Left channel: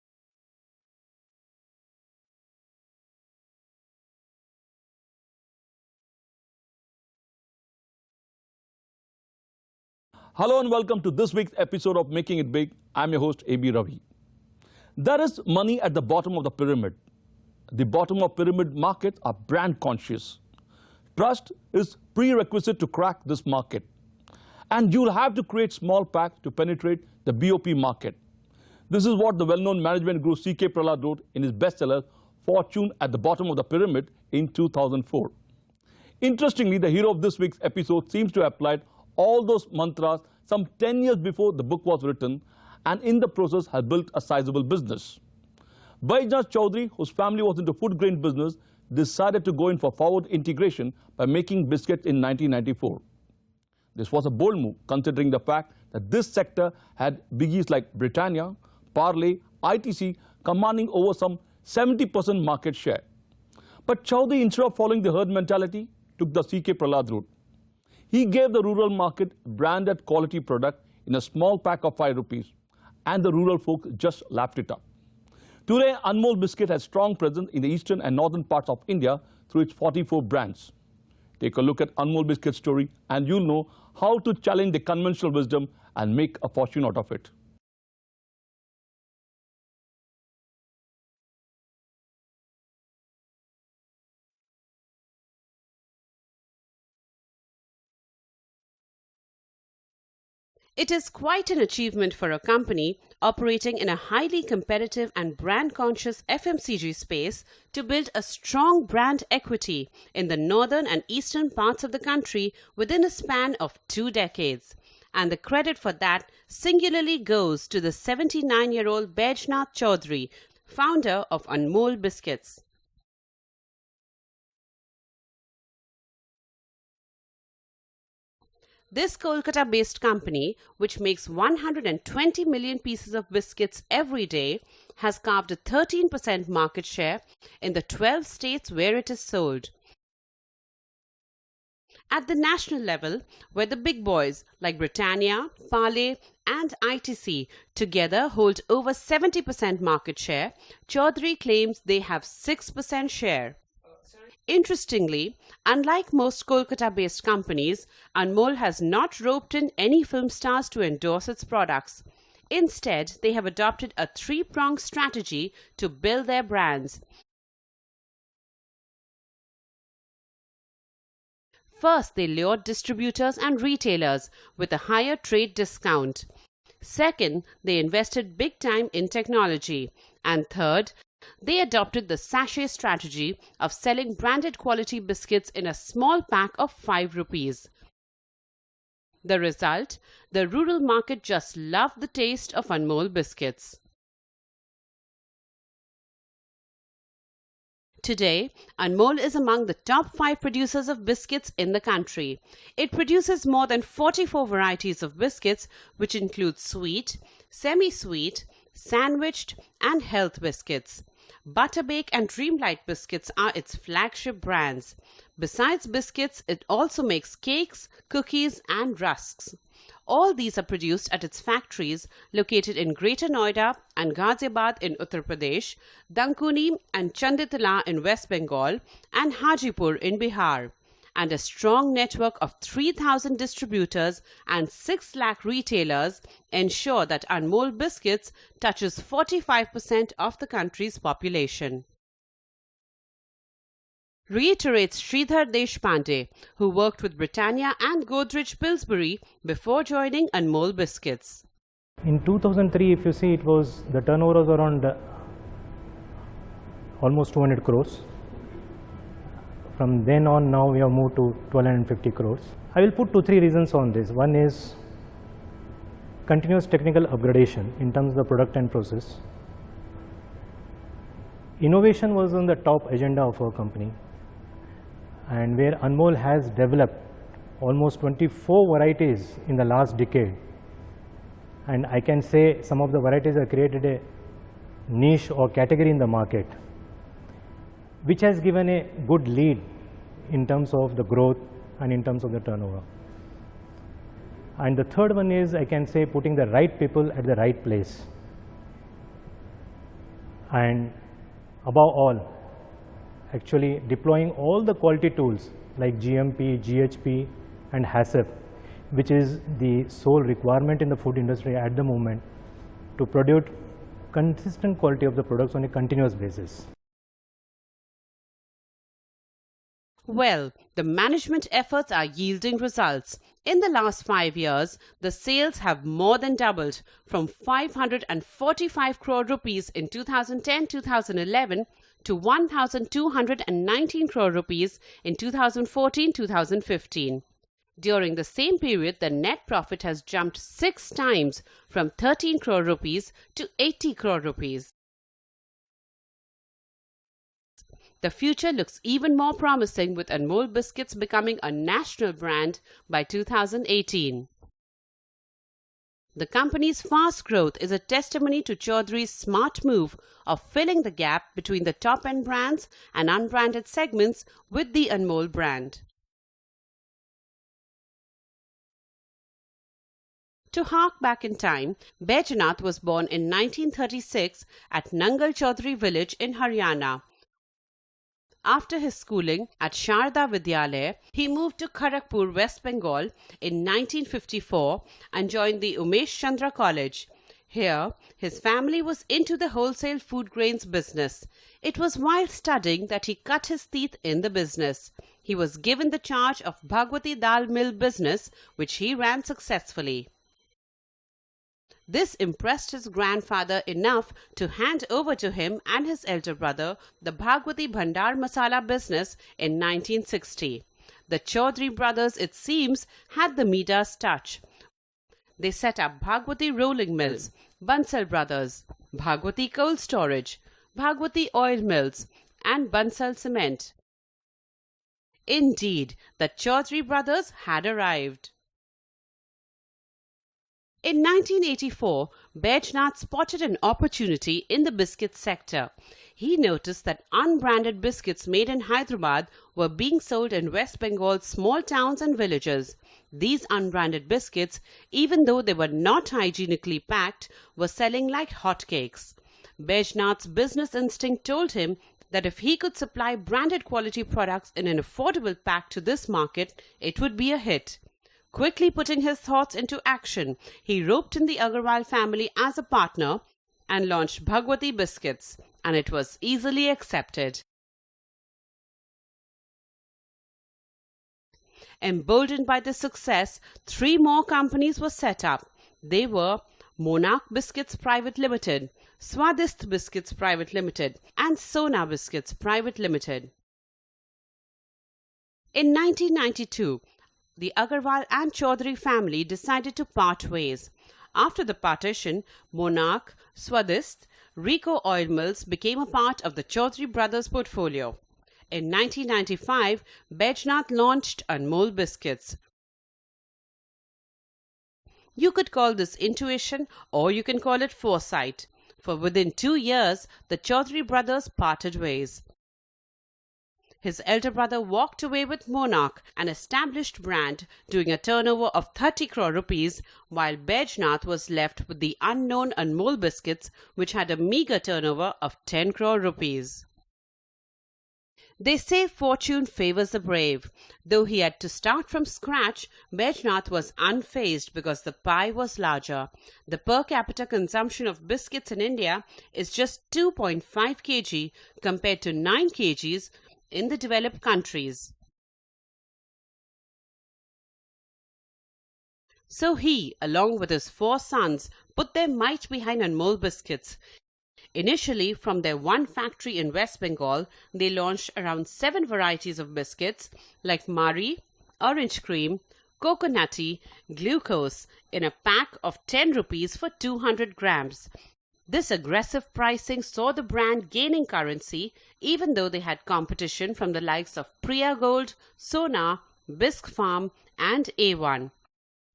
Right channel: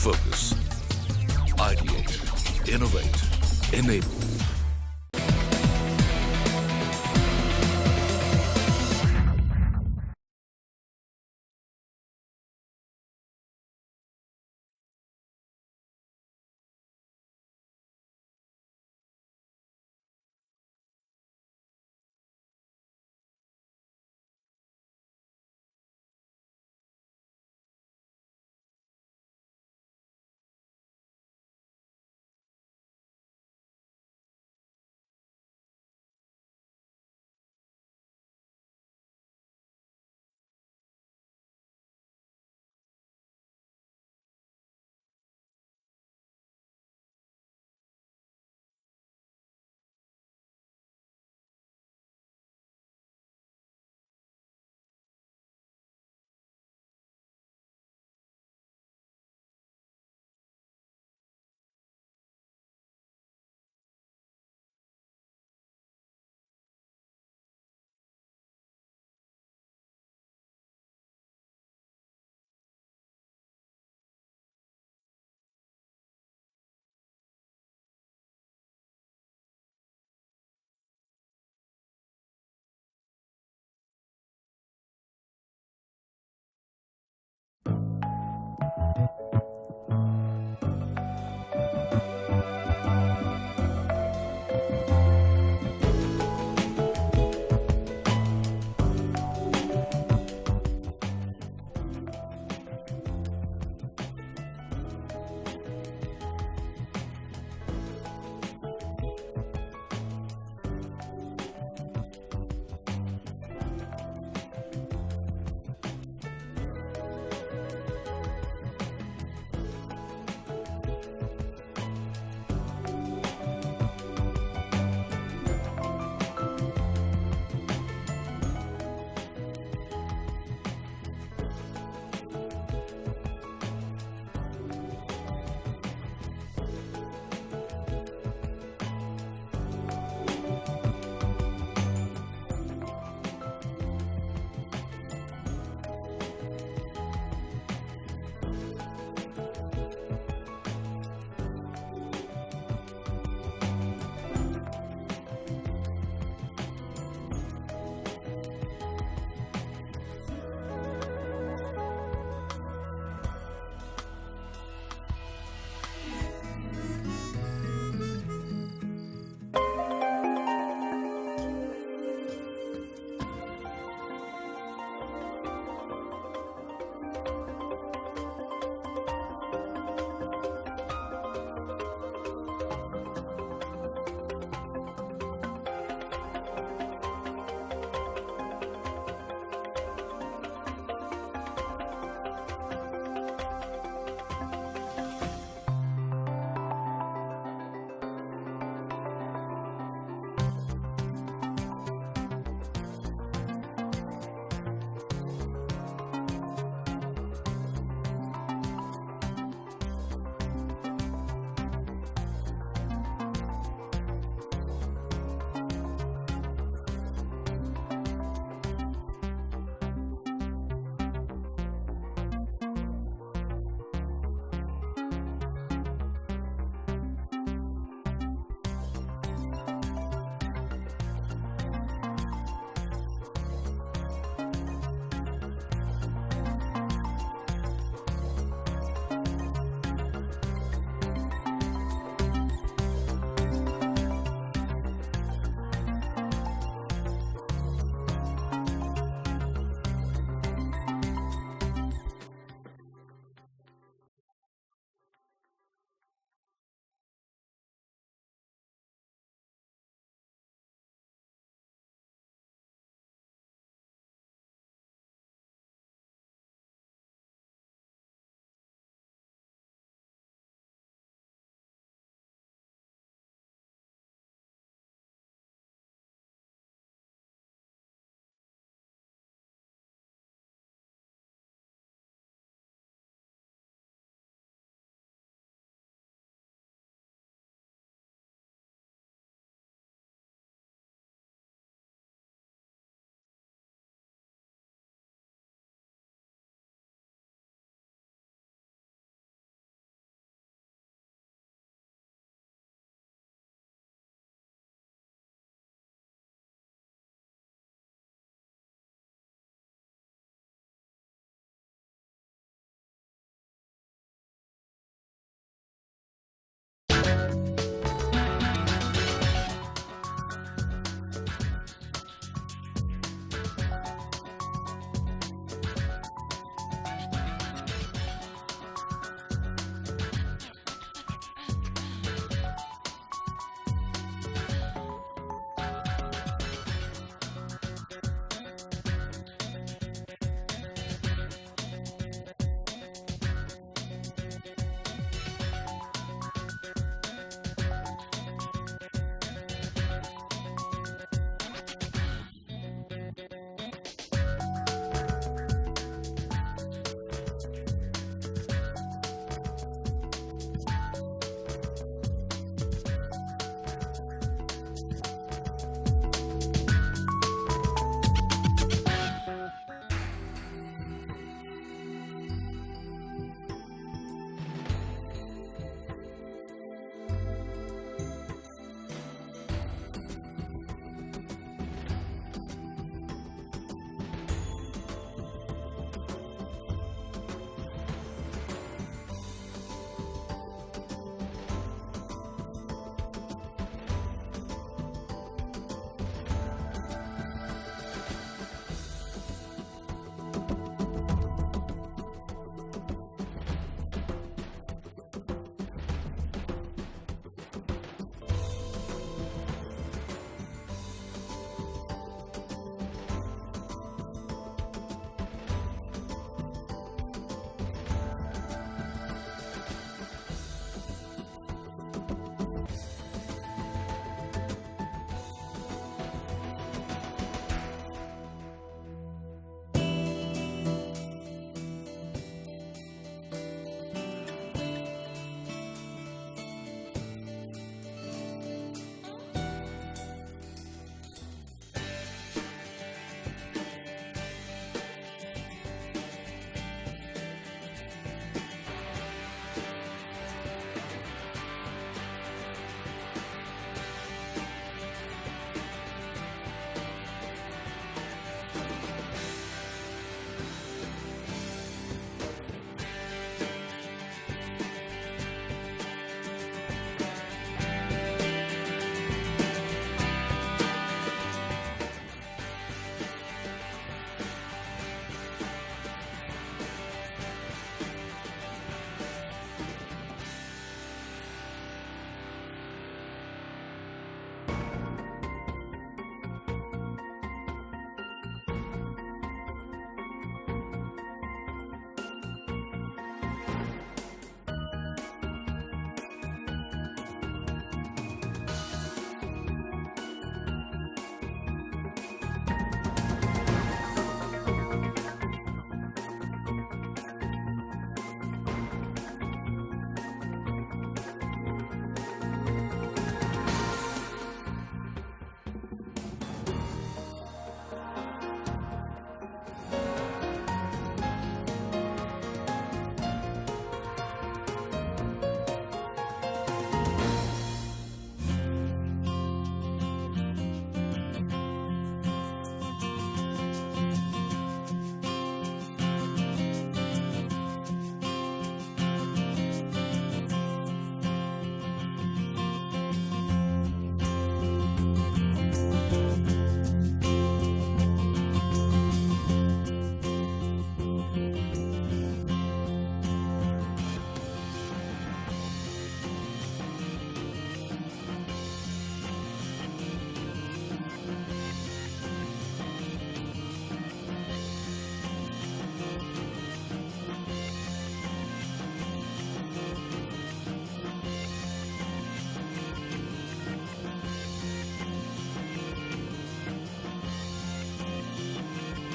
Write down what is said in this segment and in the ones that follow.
Focus. Ideate. Innovate. Enable. Hello and welcome to this week's episode of Making It Big. I'm your host, A.B. Ravi. There is money at the bottom of the pyramid. The bottom of pyramid markets are brand conscious. Trust is prerequisite to crack this market. And you'll have to create small packs to penetrate the BOP market. This is what the well-known management guru C.K. Prahalad wrote in his bestseller, Fortune at the Bottom of the Pyramid in 2004. Interestingly, the hero of this week's episode seems to have applied all those mantras some 10 years before the book was written, and in the process has built a sizable business. Baijnath Chaudhary, whose family was into food grain business, decided to go in for forward integration by making biscuits in 1994. This was a bold move, considering the fact that this sector had biggies like Britannia, Parle, ITC commanding over some 70% market share. But Chaudhary, instead of following the herd mentality, took the C.K. Prahalad route. He gave the rural market branded quality product in a small pack of 5 rupees, and the rural folk just lapped it up. Today, Anmol Biscuit has strong presence in the eastern and northern parts of India through its 44 brands. Take a look at Anmol Biscuit's story and you'll know how to challenge the conventional wisdom and make a fortune out of it. It is quite an achievement for a company operating in a highly competitive and brand-conscious FMCG space to build a strong brand equity in the northern and eastern parts of the country within a span of 2 decades. And the credit for that singularly goes to the 79-year-old Baijnath Chaudhary, founder of Anmol Biscuits. This Kolkata-based company, which makes 120 million pieces of biscuits every day, has carved a 13% market share in the 12 states where it is sold. At the national level, where the big boys like Britannia, Parle and ITC together hold over 70% market share, Chaudhary claims they have 6% share. Interestingly, unlike most Kolkata-based companies, Anmol has not roped in any film stars to endorse its products. Instead, they have adopted a 3-pronged strategy to build their brands. First, they lured distributors and retailers with a higher trade discount. Second, they invested big time in technology. And third, they adopted the sachet strategy of selling branded quality biscuits in a small pack of 5 rupees. The result? The rural market just loved the taste of Anmol Biscuits. Today, Anmol is among the top 5 producers of biscuits in the country. It produces more than 44 varieties of biscuits, which include sweet, semi-sweet, sandwiched and health biscuits. Butterbake and Dreamlight biscuits are its flagship brands. Besides biscuits, it also makes cakes, cookies and rusks. All these are produced at its factories located in Greater Noida and Ghaziabad in Uttar Pradesh, Dankuni and Chanditala in West Bengal and Hajipur in Bihar. And a strong network of 3,000 distributors and 6 lakh retailers ensure that Anmol Biscuits touches 45% of the country's population. Reiterates Sridhar Deshpande, who worked with Britannia and Godrej Pillsbury before joining Anmol Biscuits. In 2003, if you see, the turnover was around almost 200 crores. From then on, now we have moved to 1250 crores. I will put 2-3 reasons on this. One is continuous technical upgradation in terms of the product and process. Innovation was on the top agenda of our company, and where Anmol has developed almost 24 varieties in the last decade, and I can say some of the varieties have created a niche or category in the market, which has given a good lead in terms of the growth and in terms of the turnover. And the third one is, I can say, putting the right people at the right place. and above all, actually deploying all the quality tools like GMP, GHP and HACCP, which is the sole requirement in the food industry at the moment to produce consistent quality of the products on a continuous basis. Well, the management efforts are yielding results. In the last 5 years, the sales have more than doubled from 545 crore rupees in 2010-2011 to 1,219 crore rupees in 2014-2015. During the same period, the net profit has jumped 6 times from 13 crore rupees to 80 crore rupees. The future looks even more promising with Anmol Biscuits becoming a national brand by 2018. The company's fast growth is a testimony to Chaudhary's smart move of filling the gap between the top-end brands and unbranded segments with the Anmol brand. To hark back in time, Baijnath was born in 1936 at Nangal Chaudhary village in Haryana. After his schooling at Sharda Vidyalaya, he moved to Kharagpur, West Bengal in 1954 and joined the Umesh Chandra College. Here, his family was into the wholesale food grains business. It was while studying that he cut his teeth in the business. He was given the charge of Bhagwati Dal Mill business, which he ran successfully. This impressed his grandfather enough to hand over to him and his elder brother the Bhagwati Bhandar Masala business in 1960. The Chaudhary brothers, it seems, had the Midas touch. They set up Bhagwati Rolling Mills, Bansal Brothers, Bhagwati Cold Storage, Bhagwati Oil Mills and Bansal Cement. Indeed, the Chaudhary brothers had arrived. In 1984, Baijnath spotted an opportunity in the biscuit sector. He noticed that unbranded biscuits made in Hyderabad were being sold in West Bengal's small towns and villages. These unbranded biscuits, even though they were not hygienically packed, were selling like hotcakes. Baijnath's business instinct told him that if he could supply branded quality products in an affordable pack to this market, it would be a hit. Quickly putting his thoughts into action, he roped in the Agarwal family as a partner and launched Bhagwati Biscuits, and it was easily accepted. Emboldened by the success, 3 more companies were set up. They were Monarch Biscuits Private Limited, Swadist Biscuits Private Limited and Sona Biscuits Private Limited. In 1992, the Agarwal and Chaudhary family decided to part ways. After the partition, Monarch, Swadist, Rico Oil Mills became a part of the Chaudhary brothers' portfolio. In 1995, Baijnath launched Anmol Biscuits. You could call this intuition or you can call it foresight, for within 2 years, the Chaudhary brothers parted ways. His elder brother walked away with Monarch, an established brand, doing a turnover of 30 crore rupees, while Baijnath was left with the unknown Anmol Biscuits, which had a meager turnover of 10 crore rupees. They say fortune favors the brave. Though he had to start from scratch, Baijnath was unfazed because the pie was larger. The per capita consumption of biscuits in India is just 2.5 kg compared to 9 kgs in the developed countries. So he, along with his 4 sons, put their might behind Anmol Biscuits. Initially, from their one factory in West Bengal, they launched around 7 varieties of biscuits like Mari, Orange Cream, Coconutty, Glucose in a pack of 10 rupees for 200 grams. This aggressive pricing saw the brand gaining currency even though they had competition from the likes of Priya Gold, Sona, Bisc Farm and A1.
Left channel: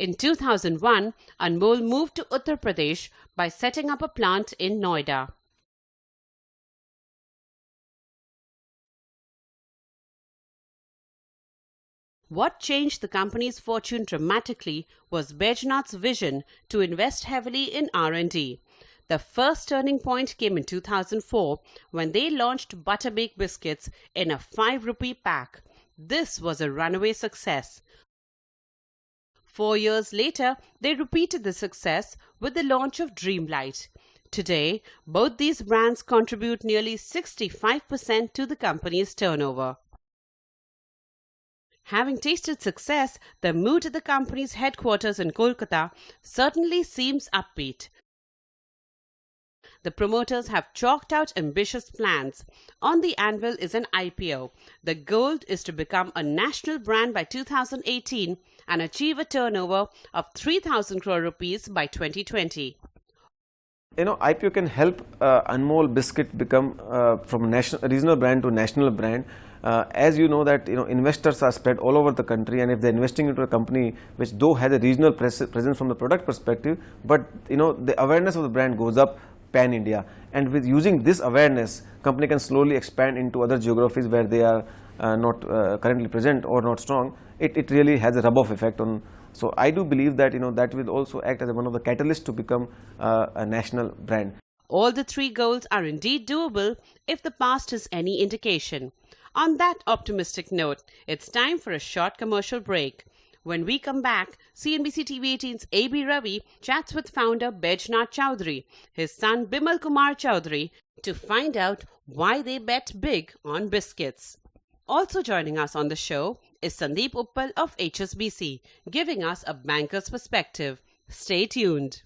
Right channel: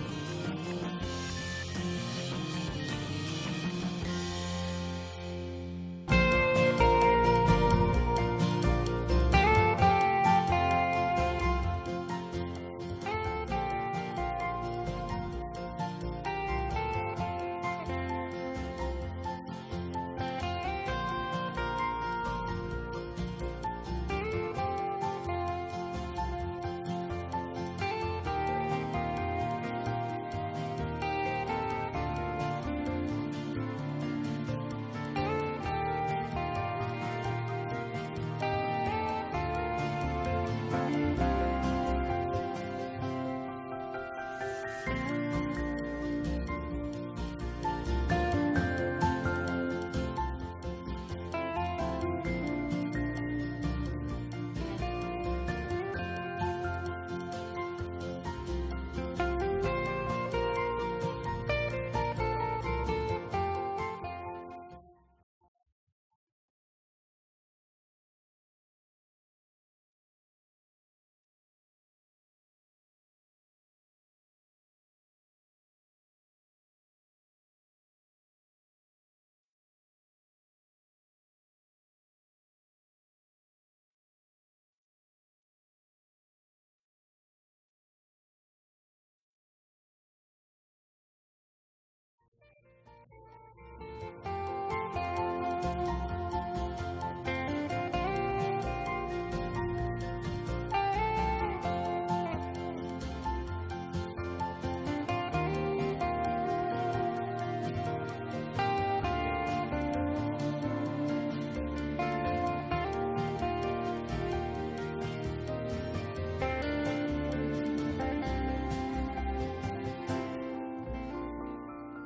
In 2001, Anmol moved to Uttar Pradesh by setting up a plant in Noida. What changed the company's fortune dramatically was Baijnath's vision to invest heavily in R&D. The first turning point came in 2004 when they launched Butterbaked biscuits in a 5 rupee pack. This was a runaway success. 4 years later, they repeated the success with the launch of Dreamlight. Today, both these brands contribute nearly 65% to the company's turnover. Having tasted success, the mood at the company's headquarters in Kolkata certainly seems upbeat. The promoters have chalked out ambitious plans. On the anvil is an IPO. The goal is to become a national brand by 2018 and achieve a turnover of 3,000 crore rupees by 2020. IPO can help Anmol Biscuit become from regional brand to national brand. As you know that investors are spread all over the country, and if they're investing into a company which though has a regional presence from the product perspective, but the awareness of the brand goes up pan India, and with using this awareness, company can slowly expand into other geographies where they are not currently present or not strong. It really has a rub-off effect on. So I do believe that that will also act as one of the catalysts to become a national brand. All the three goals are indeed doable if the past is any indication. On that optimistic note, it's time for a short commercial break. When we come back, CNBC TV 18's A.B. Ravi chats with founder Baijnath Chowdhury, his son Bimal Kumar Chowdhury, to find out why they bet big on biscuits. Also joining us on the show is Sandeep Uppal of HSBC, giving us a banker's perspective. Stay tuned.